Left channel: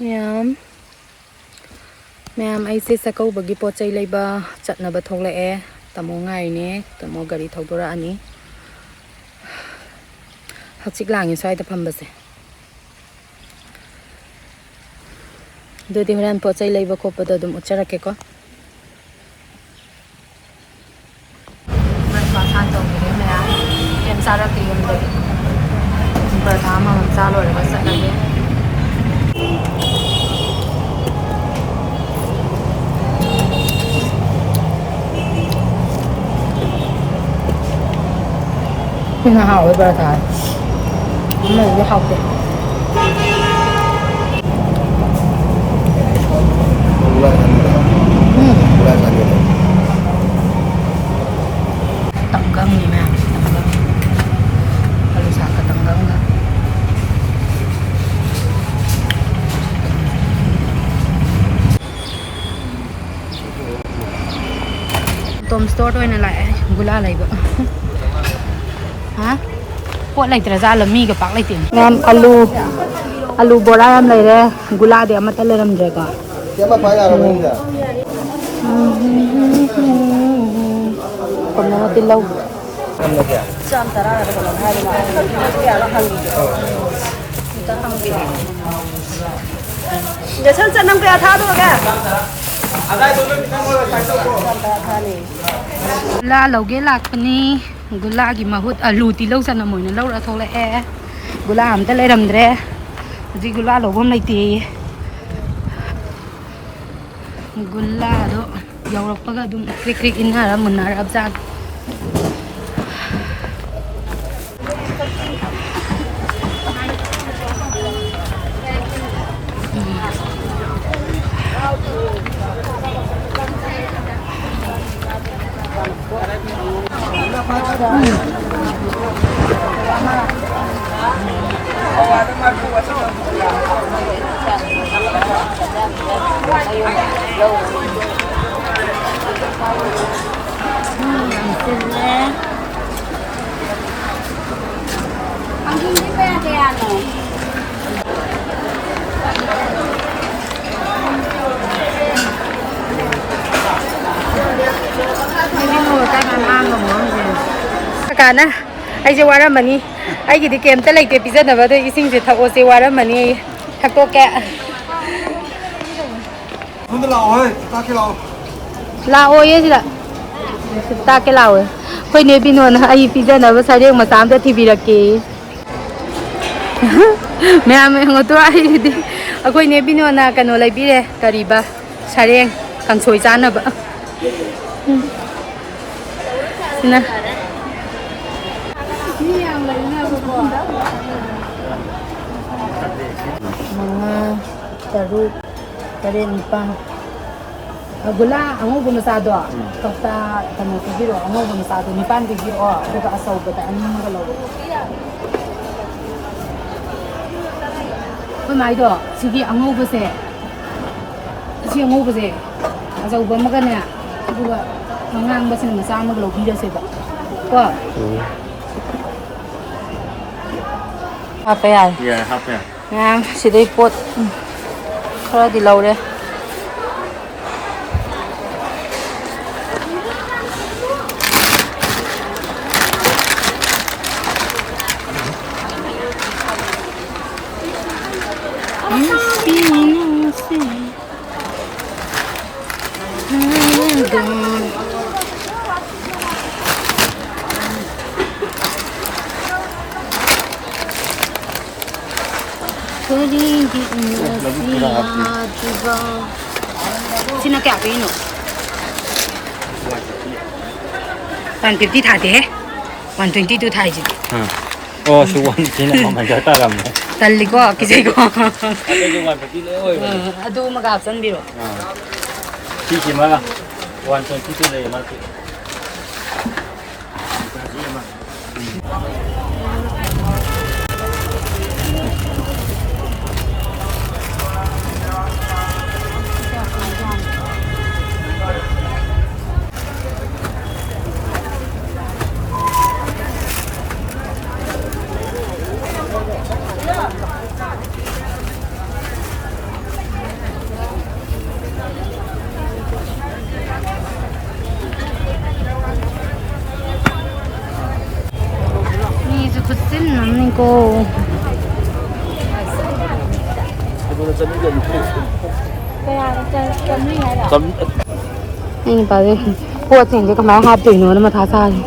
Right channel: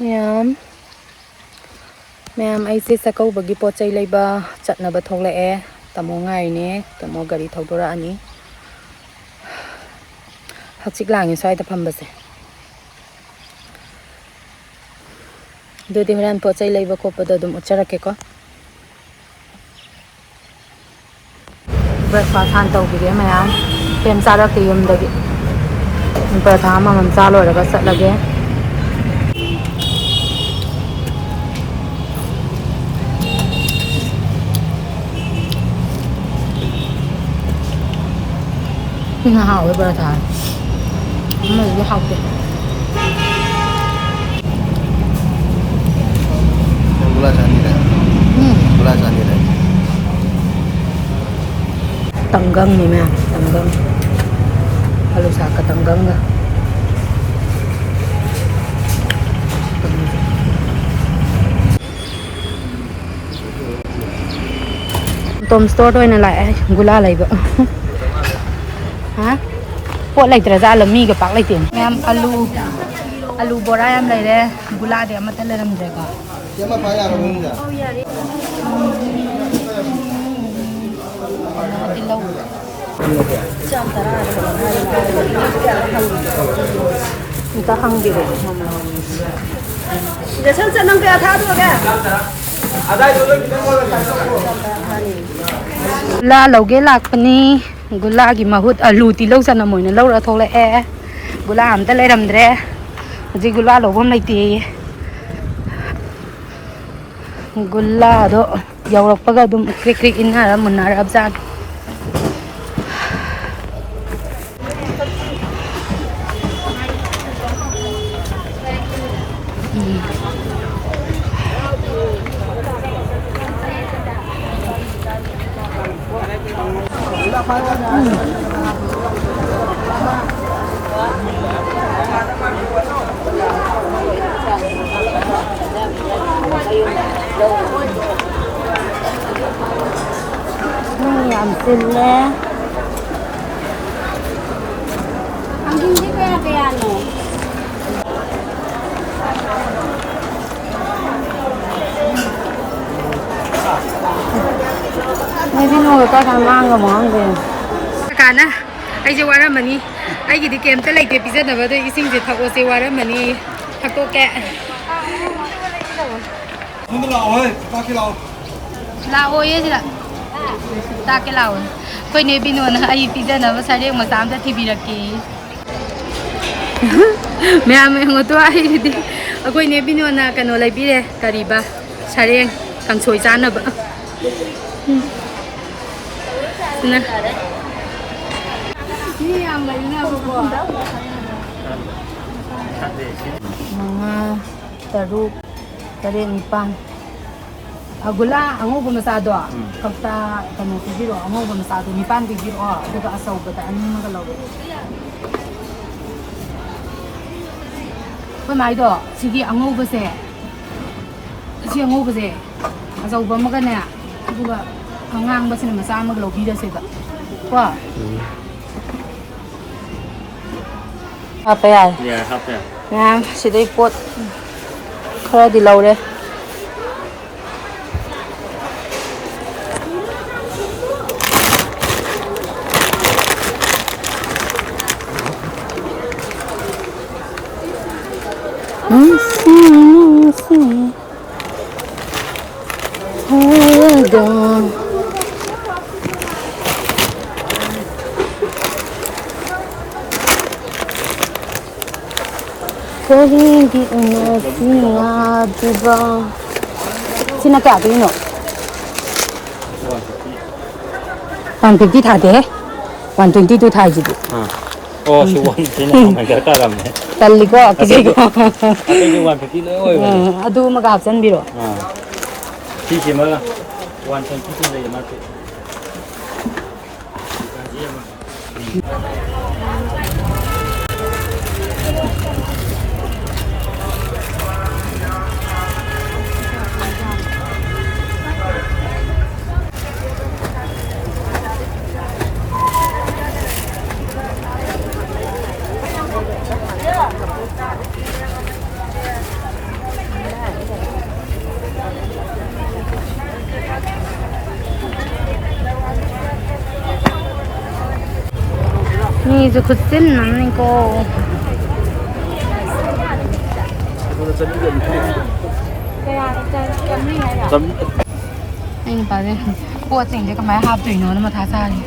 Ma'am I say chakkouba pot chai leiba chatnaba tholake tamo ngai ne tamo gari thodora ani hachik langi swai da phambase dodi horan pot chai leiba khopada dum ucharake ko breakfast han tawbide ma'am kem sara ke yum dagi paratha ma man chalo raga satlage Nó hào với bà thải mày cứ học được tanggang nih mah tanggang kalau saka tanggang nggak Tom store thôi này lại gula lại vợ hả pot lại tra ra là mi cái bạc lại tiền em alu bora em lại đây gula để mà tao làm gì cả còn nó tiền lâu chăm ta ra là còn làm hai ta hăng gì để chân chân năm cái tháo được kìa la lâu cái lạc pani gula ki mahut alu ti lo sana moina lo ra thole e gula am ta le ram dre ji gula lo bom lai ti gula do yaw pa ga dum krik krik in ha mun na rab jan làm xin lẽ anh đi về thì ăn rồi cái mùi ta đang mang cái món gì cả nè anh sẽ qua đó mà đi anh chỉ đi kèm tới lấy tiền pizza nào vậy thôi xin chỉ thằng ô sẽ qua đó mà đi thằng cô kẹ không lẩu ơi ta cái lẩu lẩu ấy gì ạ ta cái lẩu ấy thôi nếu bên ngoài anh pizza nào vậy sao đấy mà tám tới thì bị kì mẹ ngồi tôi ai đi thôi nếu bên ngoài cái nó lấy bị đấy cari ba sao đấy càng sôi chán nữa vậy nè mga taruk tare nipang agula ango gumasado kapta tamo tibiro ango gumasado nipan tibiro duga asaw bata ani magalaw ko mai do sigi ango base si ango base asaw ba magana duga ngang base na sa magalaw bida se ba ko apa ya yeah happy ngang si dei pot khara di law re करेंगे नसीहा दिवा सिना क्या भी no 150 था दे 122 था जी दे सुवन सिनाมันจะตามมั้ย तल्ली को किसी को จะ150เลยโอ้ย अदू मगा हसन बिरो ที่สิมา122เลยมาคือ ꯒꯥꯔꯤꯁꯨ ꯈꯨꯠꯆꯤꯟ ꯑꯃꯅꯤꯀꯣ ꯑꯩ ꯅꯨꯄꯥꯁꯦ ꯄꯣꯠꯁꯤꯡꯁꯦ ꯀꯃꯥꯏꯅ ꯍꯥꯞꯇꯣꯏꯅꯣꯅ ꯃꯊꯥ ꯁꯥꯔꯤ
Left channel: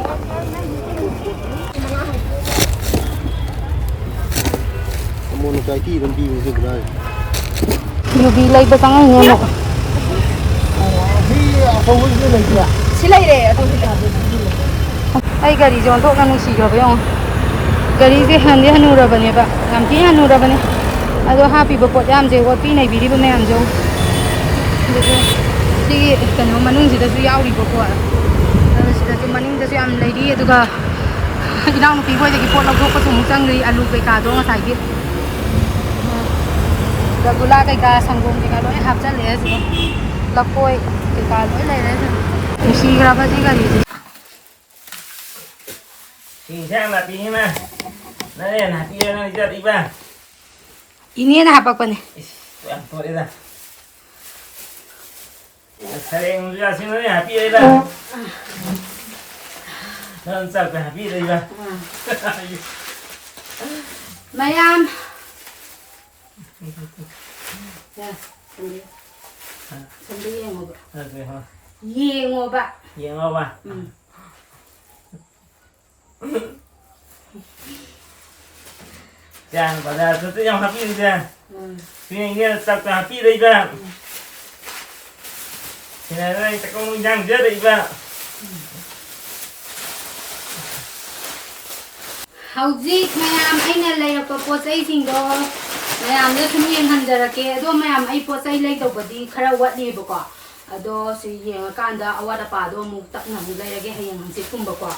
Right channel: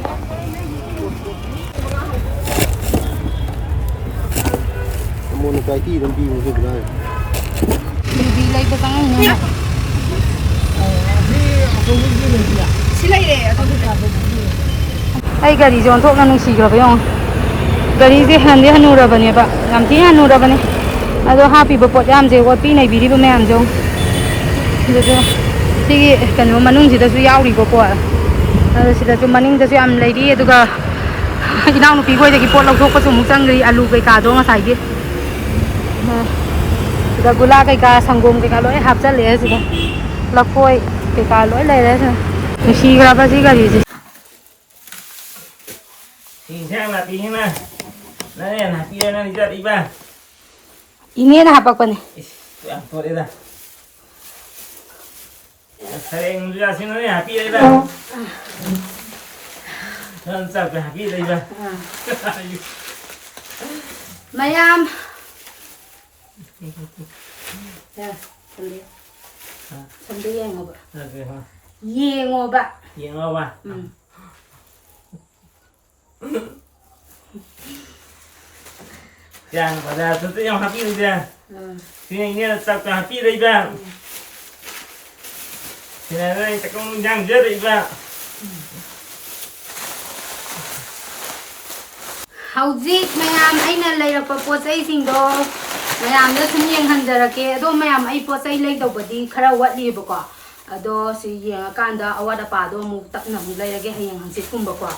ꯌꯨꯕꯤ ꯂꯩꯕ ꯆꯪꯉꯛꯏꯅꯦ ꯁꯤ ꯂꯩꯔꯦ ꯑꯩ ꯒꯥꯔꯤꯁꯦ ꯑꯣꯟꯊꯣꯛꯅ ꯅꯨꯡꯁꯤꯈ꯭ꯔꯕ ꯌꯦꯡꯉꯣ ꯒꯥꯔꯤꯁꯦ ꯍꯟꯗꯤ ꯍꯟꯅꯨꯔꯕꯅꯦꯕ ꯌꯥꯝ ꯊꯤ ꯍꯟꯅꯨꯔꯕꯅꯦ ꯑꯗꯣ ꯍꯥꯞꯄꯤꯕ ꯄꯣꯠ ꯌꯥꯝꯁꯦ ꯑꯣꯠꯄꯤ ꯅꯩꯕꯤꯔꯤꯕ ꯃꯌꯥꯝꯁꯦ ꯑꯗꯨꯁꯨ ꯁꯤꯒꯤ ꯀꯩꯅꯣ ꯃꯅꯨꯡꯁꯤꯗꯁꯨ ꯌꯥꯎꯔꯤꯕ ꯄꯣꯠ ꯑꯗꯨ ꯁꯤꯗꯁꯨ ꯃꯅꯤꯡꯗꯁꯨ ꯌꯥꯝ ꯂꯩꯔꯤ ꯑꯗꯨꯒ ꯏꯅꯥꯎꯅꯨꯄꯤ ꯈꯣꯏꯗꯒꯤ ꯄꯣꯠ ꯂꯧꯊꯣꯛꯄꯁꯨ ꯑꯃꯨꯛ ꯆꯪꯗ꯭ꯔꯤ ꯑꯂꯨ ꯀꯩꯀꯥꯗꯣ ꯉꯁꯥꯏꯒꯤ ꯁꯤꯗ ꯒꯨꯂꯥ ꯀꯩꯀꯥ ꯁꯪꯒꯣꯝ ꯀꯩꯀꯥ ꯂꯣꯏ ꯍꯥꯞꯆꯜꯂꯛꯑꯦ ꯁꯤꯗ ꯂꯐꯣꯏ ꯀꯩꯀꯥ ꯂꯣꯏ ꯂꯩꯔꯦ ꯁꯤꯗ ꯅꯨꯡꯁꯤꯈ꯭ꯔꯕ ꯁꯤ ꯒꯥꯔꯤꯁꯦ 이니에는 합박번에. Mayam. Ya, sambil. Sambil yang ngoba. Yang ngoba. Yang ngoba. Jangan pada tentu yang happy ni jangan. Sini tak happy dah iba. Sini tak kamu jangan dia dah iba. Hauzik mayam aina lay ra posai sing do mayam da sum yeng han jara ke do mayam ai posai lay do badi khara wat li ba ko ado si yeng kan da awada pa do mu tak na mu lay ra ge hayeng han sit kum ba ko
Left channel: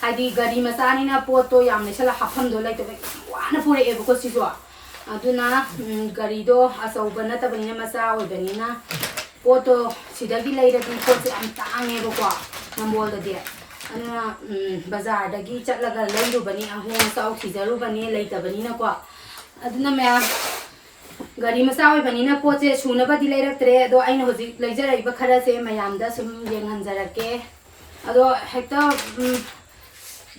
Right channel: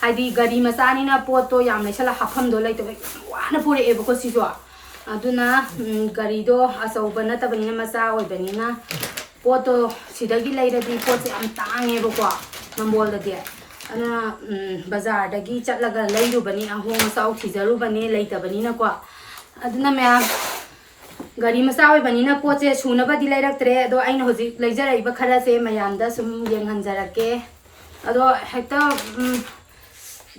haidi gari masani na poto yam le sala hafam do lay to wa na pure e ba ko si so aduna gari do asau ba na ta ba ni masa oi ba ni na poto sidagi lay ra di pot am tang e ba ko mambol da de ana bazar dagi chatlaga leirubani ahong sau thijarubani leitabani na ko aduna me gari masa oi bani na poche suna badi leiraktre do aina hoji leijarai ba khara se mayam da sum yeng hanjarake ado hekta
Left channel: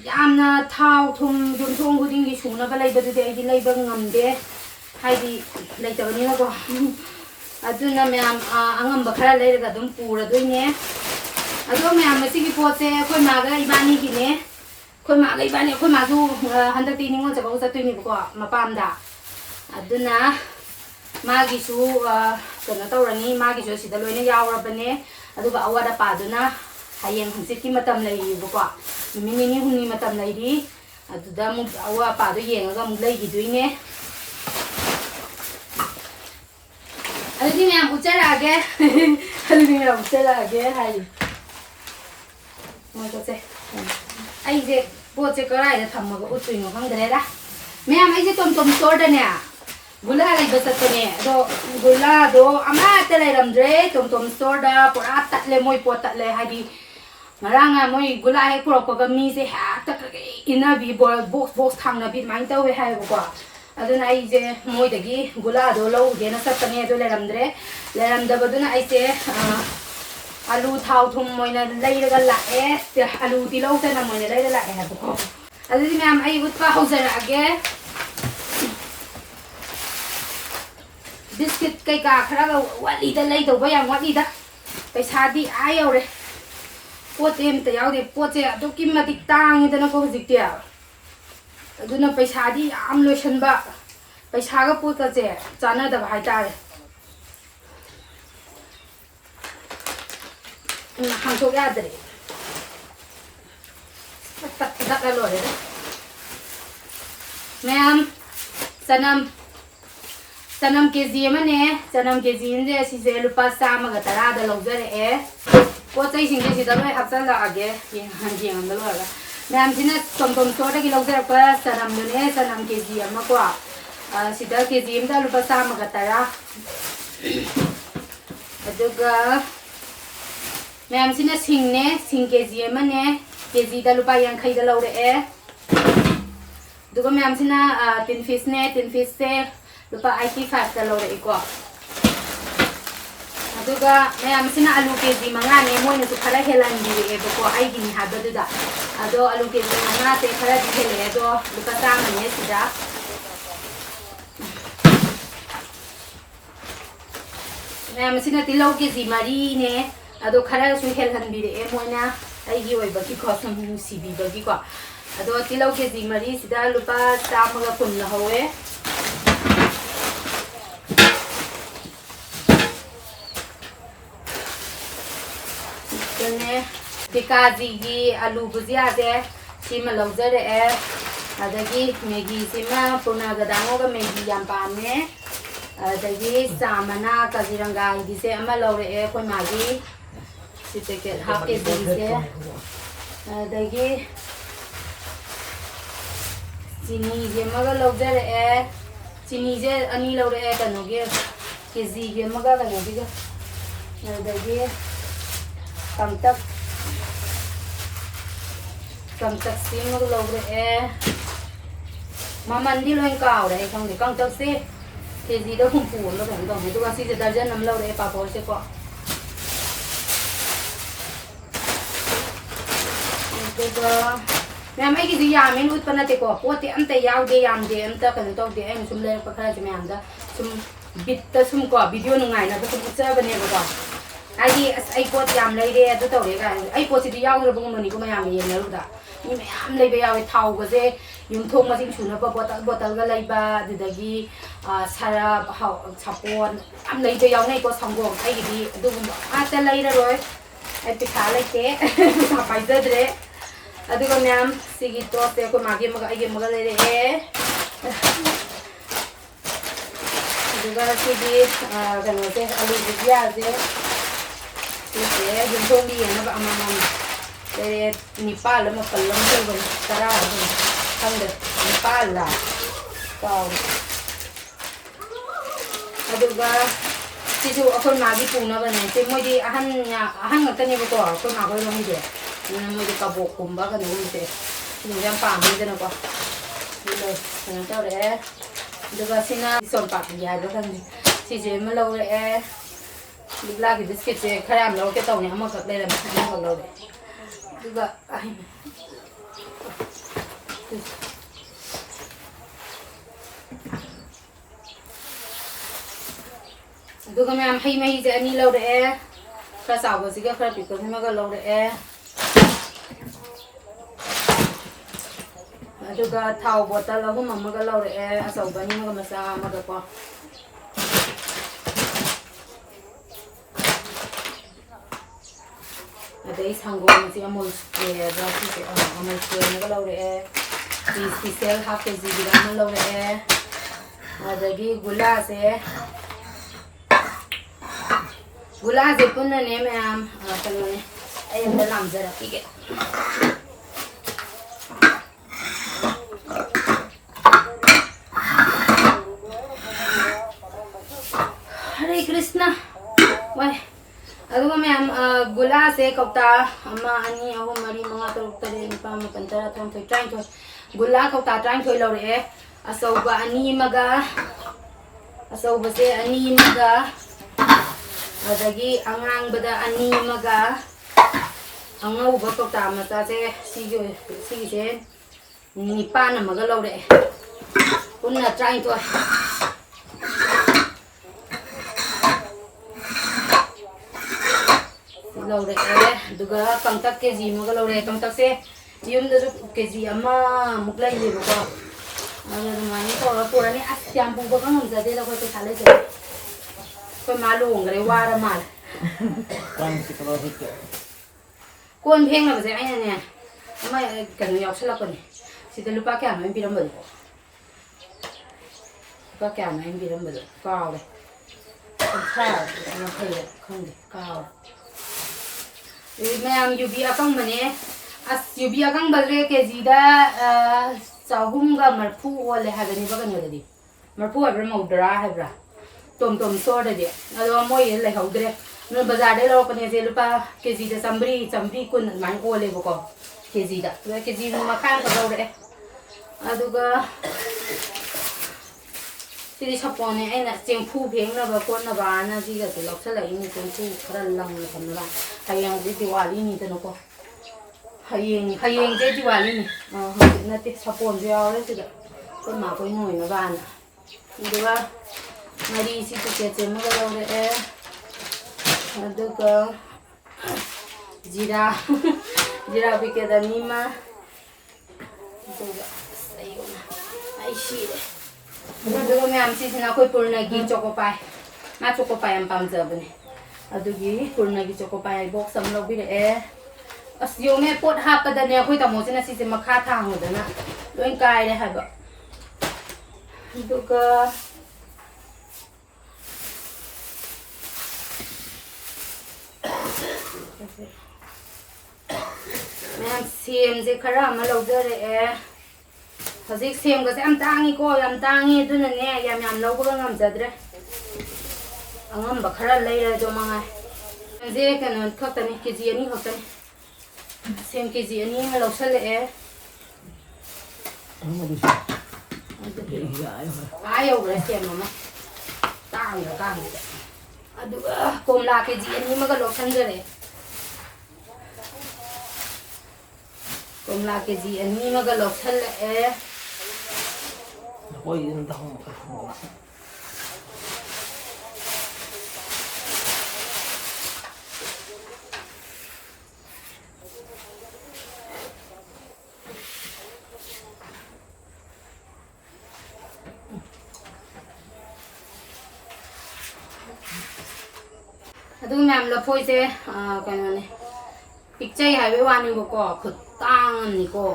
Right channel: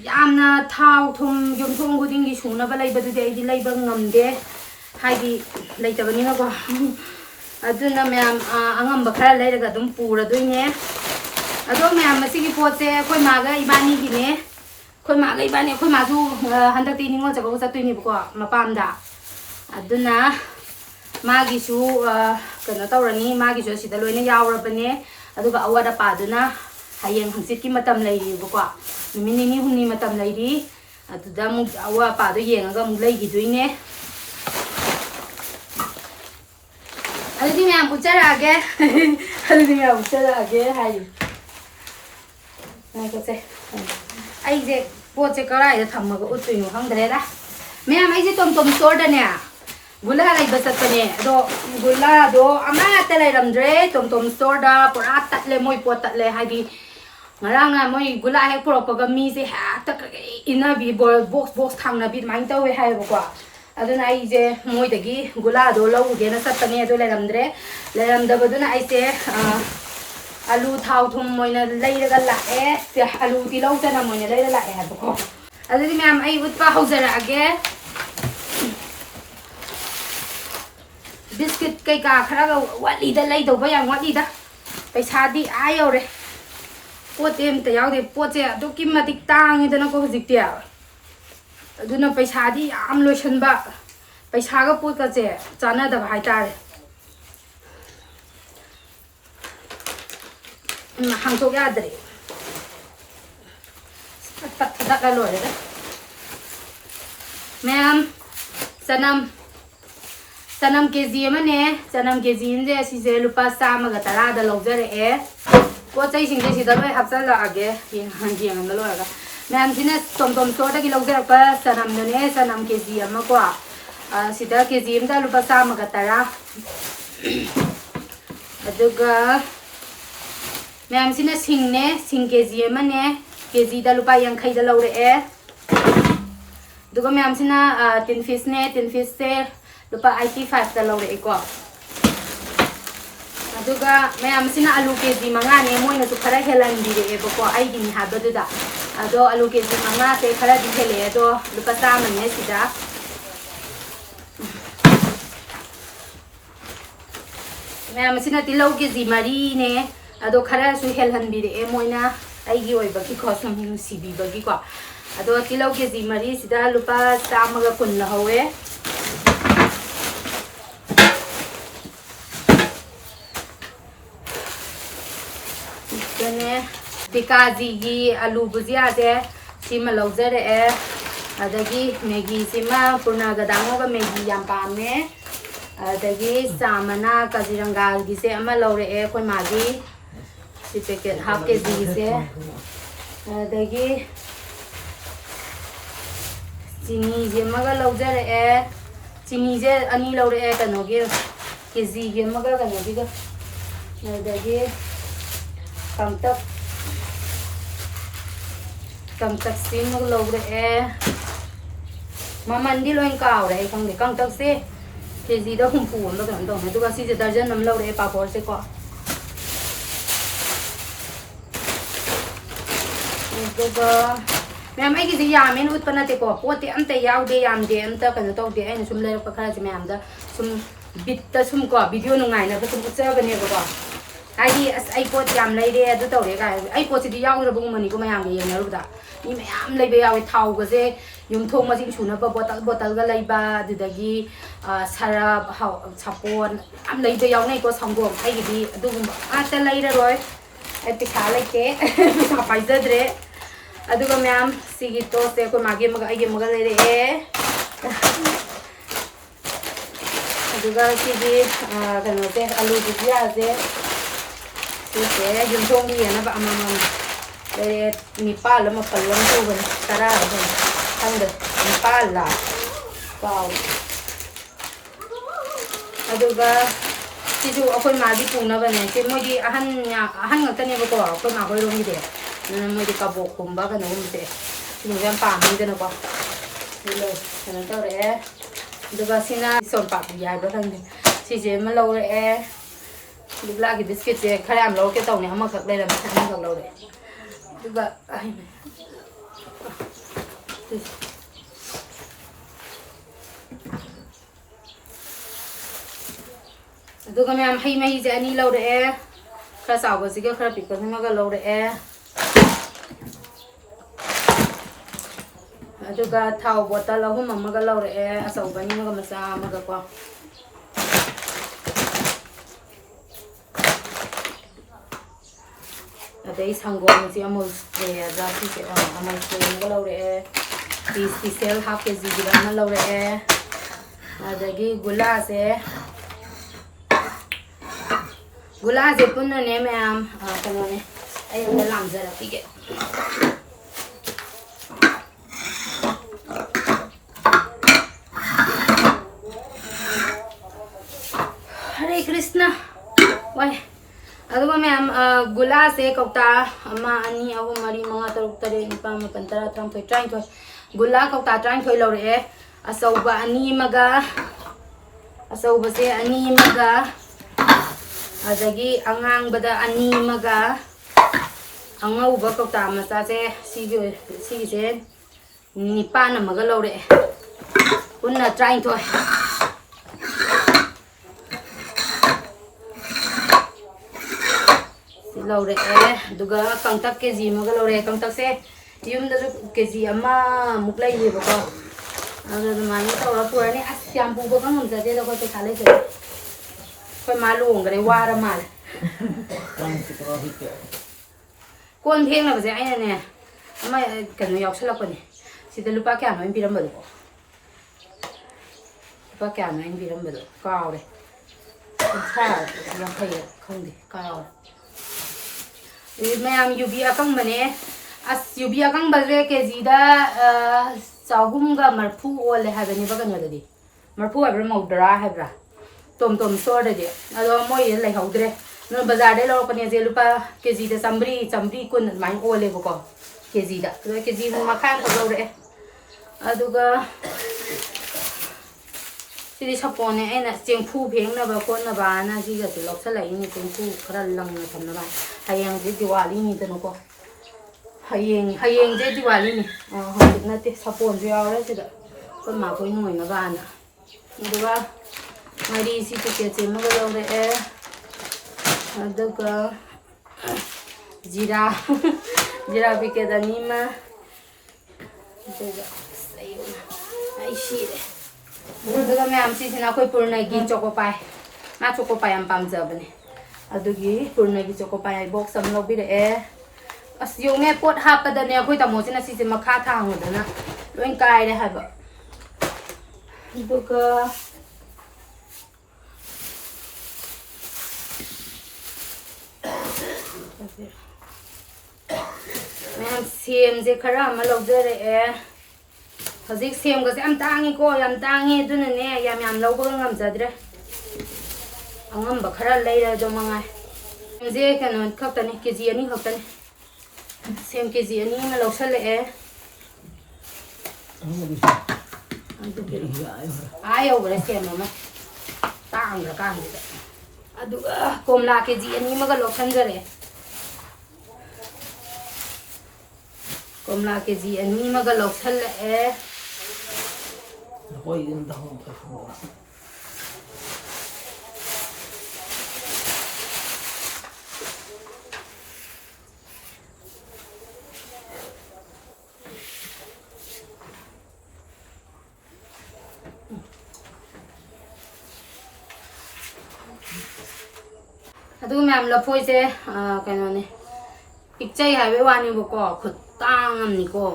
yamna thau thum yum thong guding gi suna ba leiba du de ai di leiba ngamde haidi leitabani na ko aduna me angam ba khara leiraga dum pura doine अदो मैं मसीगी पोचे कोई मागा इबानी की ने कोई मागा इबानी कोई माजू हंदक ती निंगो जब उसा तुई निबको मपामदा अदुना मागी सु कना तौरनी मागी सु सिदा लोइना यावरबने अदुगा अवादा पादुना हयेंग हंसित की मतम लैरिबको नुमिनि नि हुनि मतम लैरि अदुदा मु अवा पादो येंगा मु लैगी दुइने अदुदि मैं उचरागे अदुदि मैं उचरागे हाय पोचे अइजे पोचे कराइदा थम्मगा उतुइनो खंगदरेदा मैम अइजे टोम टोम स्टोर दने गुला लैबा चतने दो गुला दो अमाता लैरमद्रे टोम टोम स्टोर दा पुरा तटले मोय पोत Tatle हाइदि ngaraanga moy gula hek prokoga mi se ha tak ina bi box thangna bi mai tawe haiba ko aduna aije moy dagi gula do lo gena satane do lairamda baduna aise alu thau thum moina leiraga lae te alu ti lo tana moina leira lae ha ko adudi ma'am ai utpa hauzara age biscuit kai ka khara ga wali da lei do ba yang wali da paisa di ai yore pote em ta yaude pote do kimatik tang da na ko hujik tia aduna paisa di am lotion ba paisa ga pot ka che chana da hai tare Hangsok yadre. Tak lalu ada. Ma'am, sanam kg mana? Sanam kg ini si saya lupa sama kata ada longer Kota sing si dalam hafsal lagi, yang dalam lagi. Ma'am sini tom store ki longer apa? Sanam dene sanam kg ama ko. Si dah kg ini dah lupa sama kata aduga ma'am सिना सिंगने सिंग KG मने KG दा लुपा यांखै दा लौरे दुगो ma'am सिना tin fish से लुपा 85 दा लौरे को अदुगा मैम सिना आलू केजी मंगा ने मोइना सु खरा हेलान दिरे बको आइगिनि हाबदुदा ꯑꯗꯣ ꯑꯂꯨ ꯀꯦꯖꯤ 5ꯁꯦ ꯈꯔꯗꯤ ꯍꯦꯜꯂꯛꯑꯦ ꯑꯗꯣ ꯂꯨꯄꯥ 100ꯅꯦ ꯁꯤꯗ ꯃꯌꯥꯝ ꯑꯁꯤꯅ ꯇꯤꯜꯍꯧ ꯀꯦꯖꯤ 4ꯅꯦ ꯑꯗꯣ ꯈꯔꯁꯨ ꯍꯦꯜꯍꯟꯕꯤꯔꯛꯑꯦ ꯃꯣꯏꯅ ꯑꯩꯒꯤ ꯑꯣꯏꯕꯒꯤꯀꯣ ꯁꯨꯝ ꯅꯨꯡꯁꯤꯕꯤꯕꯒꯤꯀꯣ ꯑꯗꯣ ꯇꯤꯜꯍꯧ ꯀꯦꯖꯤ 4ꯁꯤꯗ ꯂꯨꯄꯥ 110 ꯂꯧꯍꯧꯋꯦ ꯀꯅꯦ ꯇꯤꯀꯥꯖꯤꯒꯤ ꯑꯂꯨ ꯕꯨꯖꯤꯌꯥꯁꯦ ꯁꯤꯃ ꯂꯧꯖꯔꯛꯑꯦ ꯑꯗꯒꯤ ꯃꯦꯒꯤꯁꯤꯃ ꯄꯨꯔꯅꯒꯗꯥꯡꯒ ꯃꯦꯒꯤ ꯌꯥꯝ ꯄꯥꯝꯃꯦ ꯑꯗꯒꯤ ꯆꯥꯃꯅ ꯀꯥꯖꯤꯔꯪꯒꯥꯒꯤꯁꯦ ꯑꯃ ꯂꯧꯔꯛꯑꯦ ꯑꯩꯈꯣꯏ ꯃꯥꯒꯤ ꯁꯤ ꯄꯦꯀꯦꯠ ꯍꯥꯐ ꯀꯦꯖꯤꯒꯤꯁꯦ ꯑꯗꯒꯤ ꯆꯤꯅꯤꯁꯦ ꯑꯃꯒ ꯂꯧꯖꯔꯛꯑꯦ ꯆꯤꯅꯤꯁꯦ 2 ꯂꯧꯔꯛꯑꯦ ꯀꯩꯅꯣꯒꯤ ꯀꯦꯖꯤꯒꯤ ꯑꯃꯒ ꯀꯩꯅꯣꯒꯤꯒ ꯑꯗꯒꯤ ꯀꯪꯇꯛꯁꯤ ꯑꯃꯒ ꯂꯧꯔꯛꯑꯦ ꯃꯃꯟꯗꯤ ꯂꯣꯏ ꯀꯥꯎꯔꯦ ꯑꯩ ꯈꯪꯗꯦ ꯀꯪꯇꯛꯁꯦ ꯀꯦꯖꯤꯗ 60 ꯑꯃ ꯀꯩꯅꯣ ꯇꯧꯅꯦ ꯑꯗꯨꯒ ꯁꯤꯁꯦ ꯗꯔꯖꯟ ꯑꯃ ꯂꯧꯔꯛꯑꯦ ꯄꯥꯐꯣꯔꯁꯦꯀꯣ ꯑꯗꯨꯒ ꯃꯌꯥꯝ ꯑꯩꯒꯤꯗꯤ ꯌꯥꯝꯃꯦꯅ ꯎꯠꯄ ꯅꯠꯇꯦꯀꯣ ꯄꯣꯠꯇꯤ ꯑꯝꯇ ꯌꯥꯎꯗꯦ ꯌꯥꯝꯗꯦ ꯑꯝꯇ ꯀꯩꯅꯣ ꯇꯧꯗꯦ ꯑꯩꯅ ꯁꯨꯝ ꯂꯩꯔꯛꯄ ꯈꯔꯁꯦ ꯃꯌꯥꯝꯗ ꯁꯨꯝ ꯕꯤꯠꯇ ꯁꯨꯝ ꯀꯣ ꯚꯤꯗꯤꯑꯣ ꯅꯨꯡꯉꯥꯏꯅꯕ ꯁꯨꯝ ꯎꯠꯆꯕꯅꯦꯕꯀꯣ ꯍꯥꯏꯗꯤ ꯑꯁ ꯑꯩ ꯄꯣꯠ ꯌꯥꯝ ꯂꯩꯔꯦ ꯑꯗꯨ ꯇꯧꯔꯦ ꯀꯥꯏꯅ ꯑꯩ ꯄꯣꯠꯁꯤꯗꯤ ꯌꯥꯎꯗ꯭ꯔꯕꯒꯨꯝꯕꯅꯤꯀꯣ ꯃꯌꯥꯝꯒ ꯌꯦꯡꯅꯔꯨꯕꯗ ꯃꯤ ꯃꯌꯥꯝ ꯂꯩꯕ ꯌꯥꯎꯋꯦ ꯊꯥꯎꯒꯁꯦ ꯌꯨꯝꯊꯣꯡ ꯃꯁꯤꯡ ꯁꯨꯅꯕ ꯕꯣꯇꯜꯒ ꯂꯩꯕ ꯑꯗꯨꯗꯒꯤ ꯁꯔꯞ ꯁꯥꯄꯣꯟ ꯌꯥꯝ ꯂꯩꯕ ꯌꯥꯎꯅꯩꯀꯣ ꯁꯪꯒꯣꯝ ꯑꯩꯒꯤꯗꯤ ꯑꯗꯨꯒꯨꯝꯕ ꯉꯥꯛꯇ ꯂꯩꯔꯔꯣꯏ ꯑꯩ ꯄꯩꯁꯥ ꯂꯩꯇꯦ ꯄꯩꯁꯥ ꯄꯥꯏꯖꯗ꯭ꯔꯦ ꯑꯗꯨꯒ ꯃꯌꯥꯝ ꯁꯤꯒꯤ ꯇꯣꯁꯁꯦ ꯑꯩꯈꯣꯏ ꯃꯥꯒꯤ ꯑꯃꯒ ꯑꯩꯒꯤ ꯑꯃꯒ ꯂꯩꯔꯛꯑꯦ ꯑꯗꯨꯒ ꯁꯤꯒꯤ ꯀꯩꯅꯣꯁꯦ ꯑꯂꯨ ꯕꯨꯖꯤꯌꯥꯁꯦ ꯁꯤꯁꯦ ꯌꯨꯝꯊꯣꯡꯒꯤ ꯌꯦꯟꯅꯕ ꯑꯃꯃꯝ ꯂꯩꯔꯦ 9ꯂ 8ꯂ ꯇꯧꯕꯅꯤ 10ꯂ ꯈꯪꯗ꯭ꯔꯦ 9ꯂ ꯀꯥꯎꯔꯦ ꯑꯗꯨꯒ ꯁꯤꯁꯨ ꯑꯩꯈꯣꯏ ꯃꯥꯒꯤ ꯄꯨꯅꯕꯅꯦ ꯁꯤ ꯃꯣꯏꯗꯤ ꯑꯍꯟ ꯉꯥꯛꯇꯅꯦꯕꯀꯣ ꯑꯩꯈꯣꯏ ꯃꯥ ꯍꯣꯏꯔꯣꯝꯒꯤꯗꯤ ꯃꯣꯏꯗꯤ ꯀꯕꯣꯛꯀꯨꯝꯕ ꯀꯩꯅꯣꯒꯨꯝꯕꯁꯦ ꯁꯤꯒꯨꯝꯕꯁꯦ ꯌꯥꯝ ꯄꯥꯝꯃꯤꯗꯅꯀꯣ ꯀꯩꯅꯣ ꯇꯧꯔꯛꯑꯦ ꯑꯗꯨꯒ ꯁꯤꯅ ꯁꯣꯟꯄꯥꯄꯤ ꯍꯥꯏꯕ꯭ꯔꯥ ꯈꯪꯗꯦ ꯁꯤꯁꯦ ꯑꯃ ꯂꯧꯔꯛꯑꯦ ꯂꯤꯛꯂꯥꯒꯤ ꯕꯤꯁꯀꯤꯠꯁꯦ ꯈꯔ ꯌꯥꯝ ꯂꯧꯔꯛꯀꯦ ꯇꯧꯅꯦ ꯑꯃꯈꯛ ꯂꯩꯔꯝꯃꯦ ꯑꯃꯈꯛ ꯂꯧꯔꯛꯑꯦ ꯑꯗꯨꯒ ꯑꯗꯨꯒ ꯃꯌꯥꯝ ꯍꯩ ꯃꯍꯤꯁꯦ 2 ꯂꯧꯔꯛꯑꯦ खरा चावबसिगा खरा पिकसिमगा लौरए अदुगा थाव बोतल अहुम अमगा लौरए अचौबनी मगा मचा अमगा को अदई संगोम से अमूल स्प्रे जाती से अमूल स्प्रे मगा लौरए स्पेशल हाफ केजी गिरा म लौरए अदगी गुला से पुनने मैम कने अय अंदर लामजरकीगे हरे कृष्णा वाय अदुगा मैम गुला से कौता अमा अनि अहु मरी मंगा तरुक तरे निपा मपन तरा तरांथोय तरांथोय गुला कौता तरांथोय लौरए अचौबा अनि मगा अचौबा से अनि मगा अदगी अंगांगबदा अनि मगा अंगौबा कौता मचा से सिगे निपान मगा लौरए पुन्ना तरांथोय लौरे दुगा कंतक केजी मगा लौरे कंतक से युमदसु केजी अमा मुक लैलेबको अदुमाई तौरा पुरानी अस याम पुबा खंगमजदे द कोइ पैसा लैते कोइ मालुंगरे वारा माल कोन फेंगनबजे आइनाने अमा कनो यावसलकपनि सिदा लुपा क्यानो इन पिरमबदो लुपा क्यानो इन पिरमबदो कावरे खा या खैरे खंदे कावरे मैम यूबी अकंग बने अस यूबी अकंग बजरे केजीदा चाहुमगा मरफू ओले हागनी बगनदि मरफू हाब्रा मौदरा हाब्रा टोम टोम स्टोर दे अदो मोय लेहौद्रे न बाजार दे लौकने जे लुपा केजीदा चमरी कुन माइ ओले बको केजीदा केजी मखान को लौरे अदुगा सिदी सपोने ऐना चेंफू भेंगनबा कोनबाना सिगासे लौसलाइनि चेंफू खरा लंग थमनबा हायंग दि दिवाली नि तनको hayengse Diwali hojik nate sapon ju yaure sida koi ma koi noi na bana aduga mari si packet se maga lore aduga jira packet ani ma aduga sayona ai shire aduga ma'am si sina koi purnagi choco pie ma choco pie am pamjabane adugi purnagi choco pie box am lobire as yung pot hapada ne khoi tamo sina si makha thang hodana loin kai le haba aduga ma'am same से खरा ma lojare hojik sem ga se am tangi ko yam tangi duna ne yam lawba ngam jadre angam ba khara leira do mangai je kan khaktani kg ani khaktani sem kg ani ma lawsale ayo bra sem ma tang ga kan de adu komla kg ani ma ga lawsanjare komla kg ani ma ga lawsale Oi, não dá um aduga ma'am लफोई से कनो ने picture highway वानी बको खुतांग नि को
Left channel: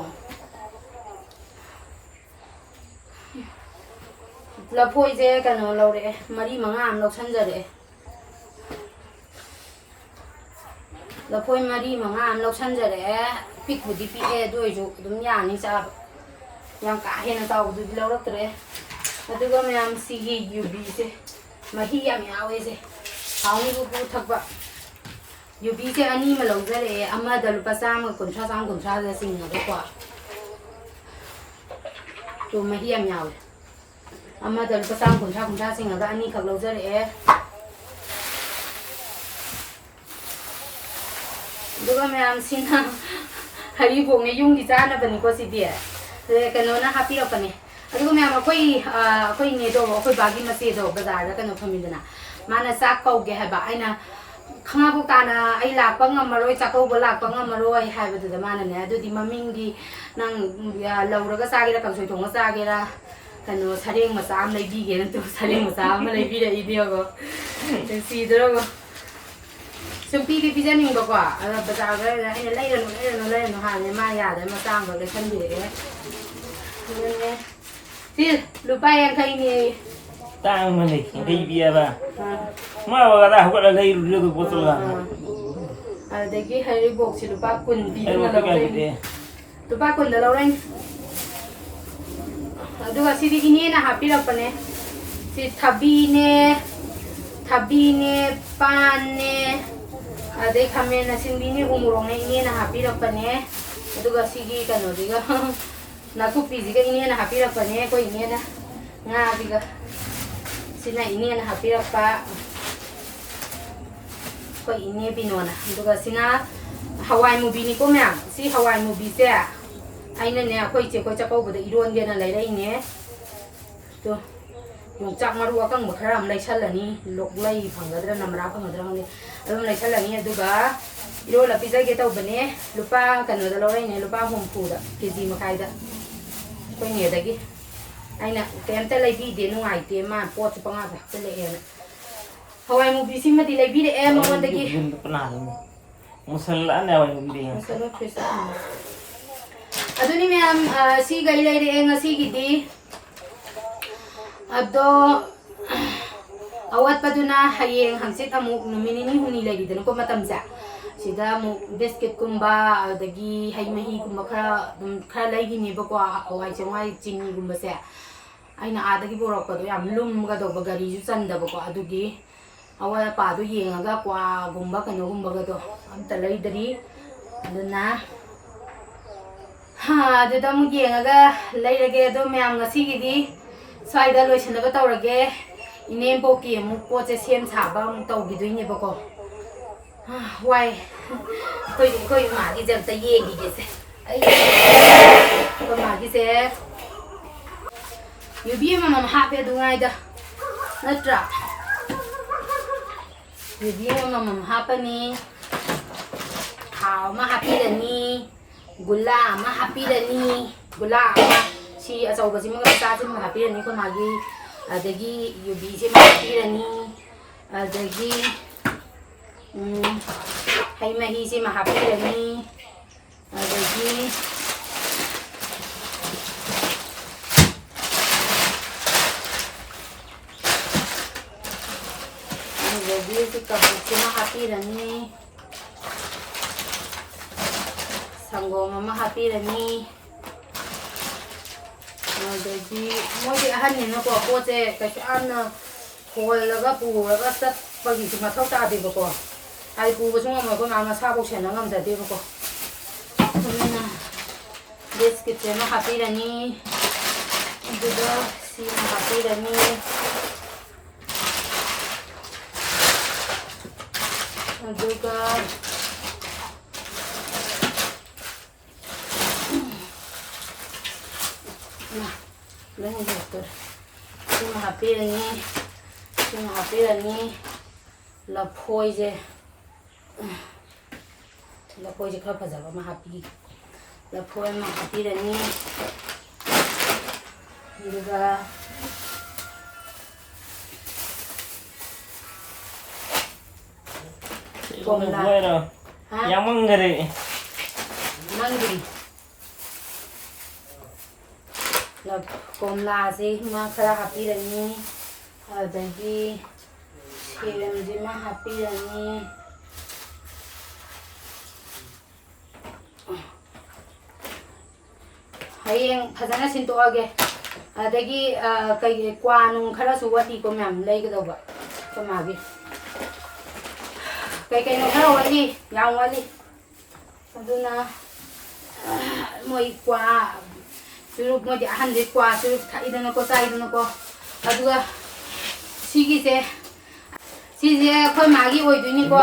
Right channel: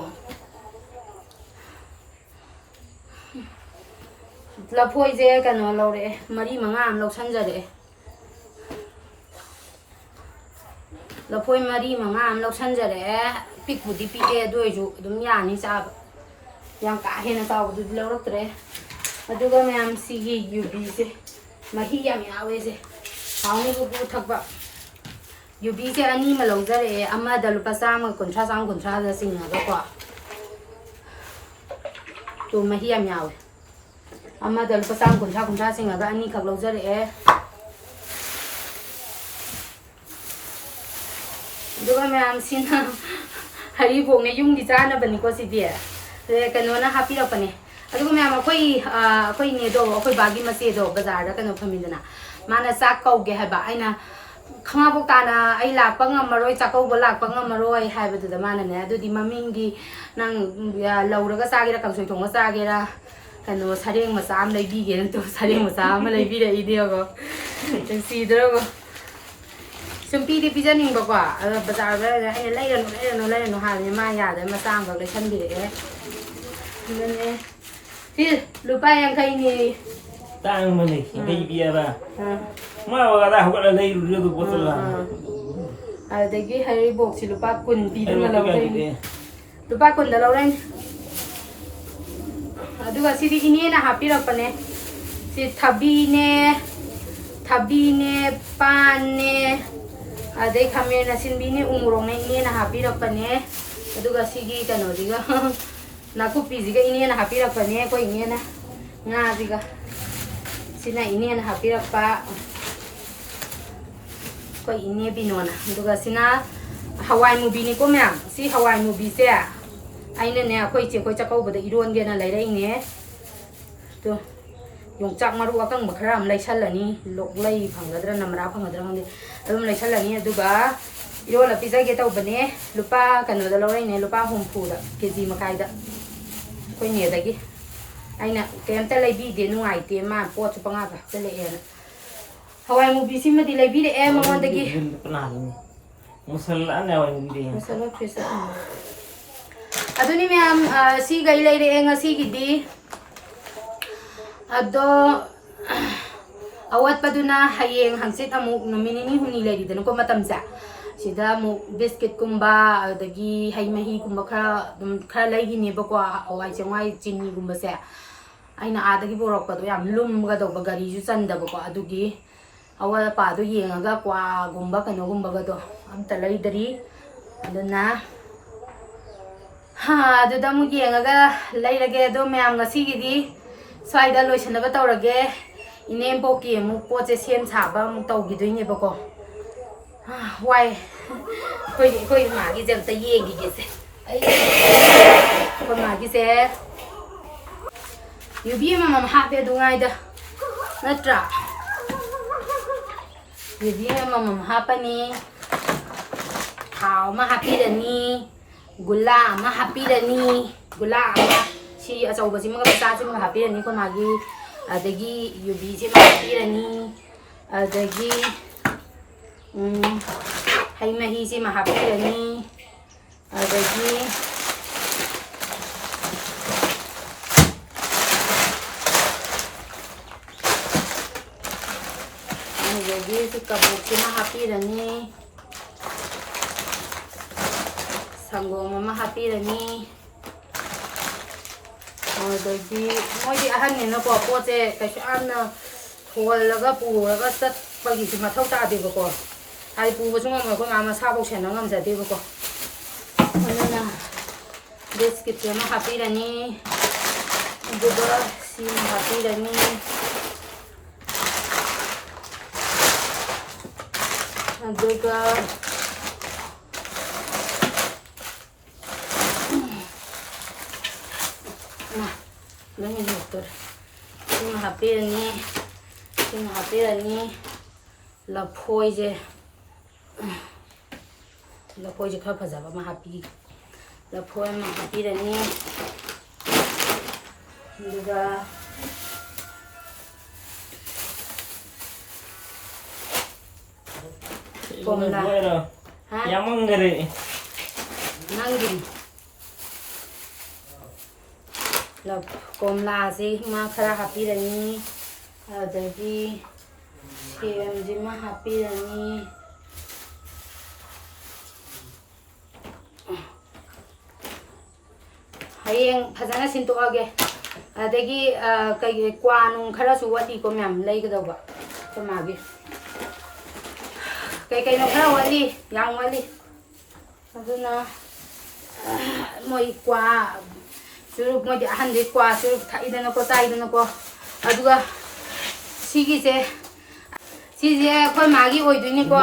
लफोई से कनो लौरे मरी मंगा am लौसनजरे लफोई मरी मंगा am लौसनजरे पिक बुदी पिए दोइजु दुम यानी चाब yang ka hena taw du lawraktre aduga ma'am सिगी यूबी से मही याम यावे से हाउनी को थकबा यूबी से अनि मा लौजरे अमा द लुपा चाम कुंठा दा सिंगा को तो मही याम यावे अमा द लुपा चाम कुंठा सिंगा दा अनि खक लौजरे दुगा मैम सिना हरी बोंगे युंगी चाना बनी को सिदि कनोना हापी रपने अदुगा मैम अखोई ने दो अखोई बागी मसे दो बाजार दा कनो फमिदना माना चाक कौगे हाबा आइना खंगाबो ताना आई लाकपा ngमरोय चाकौबो लाकपा ngमरोय हाबदुदा मानाने अदुदि ममिंगी नंग लौरगा चागेरा कंसोय थोंगा चागेरा कनो सरेंग मचा am लेबिगे नतो सरेंग मचा am लेबिरे इदियोगो सिदरोगो सुम्पीदि पिजनिंगबको बाजार दा आइना लेरनो हाने मा यादे मचांग बग लेसनबिरे ने ति लुपा यांखै नि tang mana kiri biar ba ma ba da ko la lei lu du botol la adagi hari box si lupa kun pi na lawrai lupa kun da lawrai aduga sidi ini na happy rapane si thabi ne pan ne adai khame na sinbi ne umurong ne ini na happy rapane aduga sigi kano diga nakupi diga ini na happy rapane ko ini na nga diga sina ini na happy rapa ko ini binona duga sina hawai movie ni ko ma'am si hawai movie se aina ne khoi che ko chakau bada iron ge na lai rai ne to yong chak maru akang bakhram lai chalani lok lai phangadra namra phangadra hang adum lai chalani aduga iro la pizza ge tau bane lupa kanu da lo rai ne lupa hom phu da kg makai da koi ne da gi aina kemta leibi de nuai te ma pot panga ba tele ena hawai mu bisi ma di leibi de mangon dagi musalla na wa ndi musalla presa aduni ma'am si gai lai re nga si gidi ado awat paduna hayeng hangsit amuk numini ni huni lai de ko matam sa sida mu biscuit kumba dagi hay mahi kumba khara lai gi ni ba ko hawai changwai chini kumba se aina adagi borok pado yam lum ga do bagari ju chanda ba ko adugi awa pa do yenga kwa gumba kano gumba ga do am talai dari aduna ha adu da mu yenga ga lai lage do ma'am ngasi gi sai da loisan ba tawrage Enembok ki mu po che sem sa ba mu taw gi do ni ba ko Why? Khơi mà cái dòng tay gì cái gì? Ấy, khơi mà cái gì? You be mà hạ bé đúng ai đó, nó trả. You be mà hạ bé nè, thảo mà hạ bé nè, gula mà hạ bé nè, gula mà si ở sau bữa si mà cái ta si mà hạ bé nè khơi mà cái, dagi you be si mà hạ bé nè, dagi hay mà hi si mà hạ bé nè, dagi Jadi si kabuk cuma happy rani, sanggo mama happy rani. Jadi mau di ahan ni nak buat apa je? Kecuali na hol laga pu laga set bagi cuma tahu tak ada buku. Hari pu cuma mau kau mama sabuk cina ngam jadi buku. Mana biscuit cuma happy rani, juga si happy rani. Juga nah, ini betul. Cuma hampir ini lapoi je kau pasal apa happy lapoi mah hampir ini juga komla. Yang menggeri. Nanggi. Lap komla sih mah kara happy rani. Adagi siram sih mah happy rani. Hayeng phazana sinto age. Adagi kai kwa nung kara suwati ko myam lay ka daw ba. Kumagi. Kay no khara wali yang wali aduna moi kwa suru moi ahan de kwa suru thai dana ko tai dana ko aduga sigi se khoi magi oi dui ni ko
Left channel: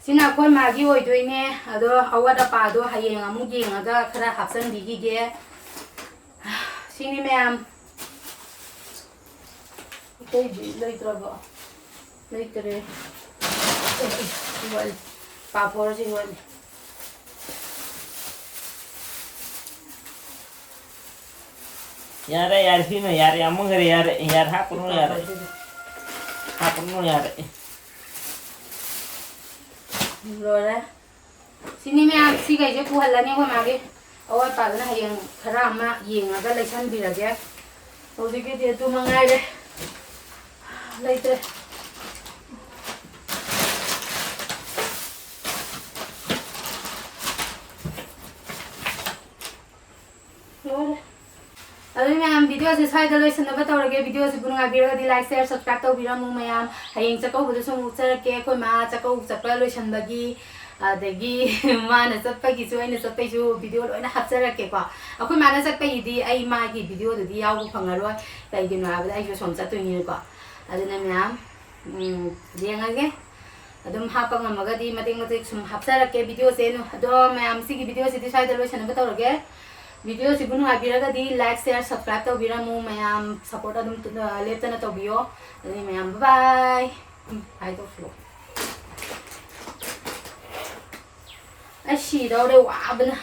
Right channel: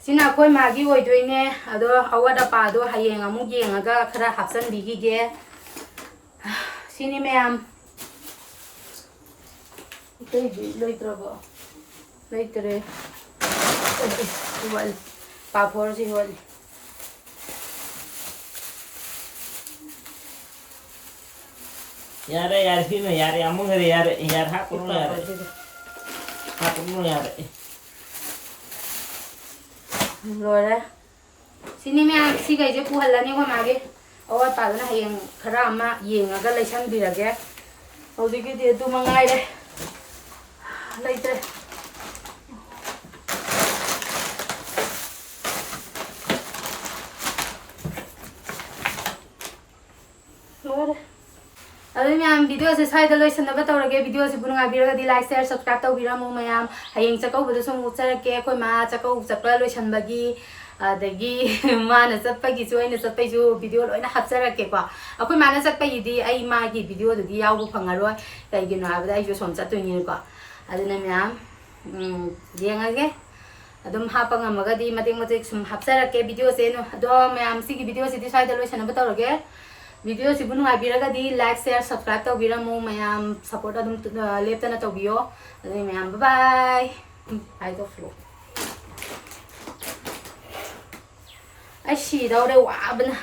sina khoi magi oi dui ne ado awada pa do hayeng amu yengaga khara hapsan bigi ge sini ma'am kay loi trago Later, well, papor sih well. Yara yar sih nih yar yang menggeri yar hapun yar. Rồi sini mẹ si cái chỗ cũ hẳn là như con mà cái ôi bà nó hay yang khara mà yang aga lấy săn bì ra cái ôi gì cái tiền tu mang ngay đây lấy đây Aduh ma'am video से side लो इस number तो लगे video से बुनुआ video का दी like share subscribe तो बिरा मु ma'am हयेंग चको बुदो सो मुचर के कोई मा चको चक्र लो शन बगी अदगी माने चप्पगी सो इन चप्पै सो वीडियो लोइना हपचर के को अखोई माने चप्पै दी आई मा की वीडियो दि याव फंगारो कइगिनो हाबदा आई जो सोम चतुनी को अदुना ma'am देंगागे अदुम Hapa ngamaga di mating sum hapchar ke video se no do ma'am सी की वीडियो से दी साइड लो शन बताओ लगे वीडियो से बुनु आबिरगा दी लाइक शेयर सब्सक्राइब तो बिरामु मैम सपोर्ट अदुम लेप्तना तो बियो अदे मैम बाय बाय तो फ्लो आई सी दाउ दे वाबना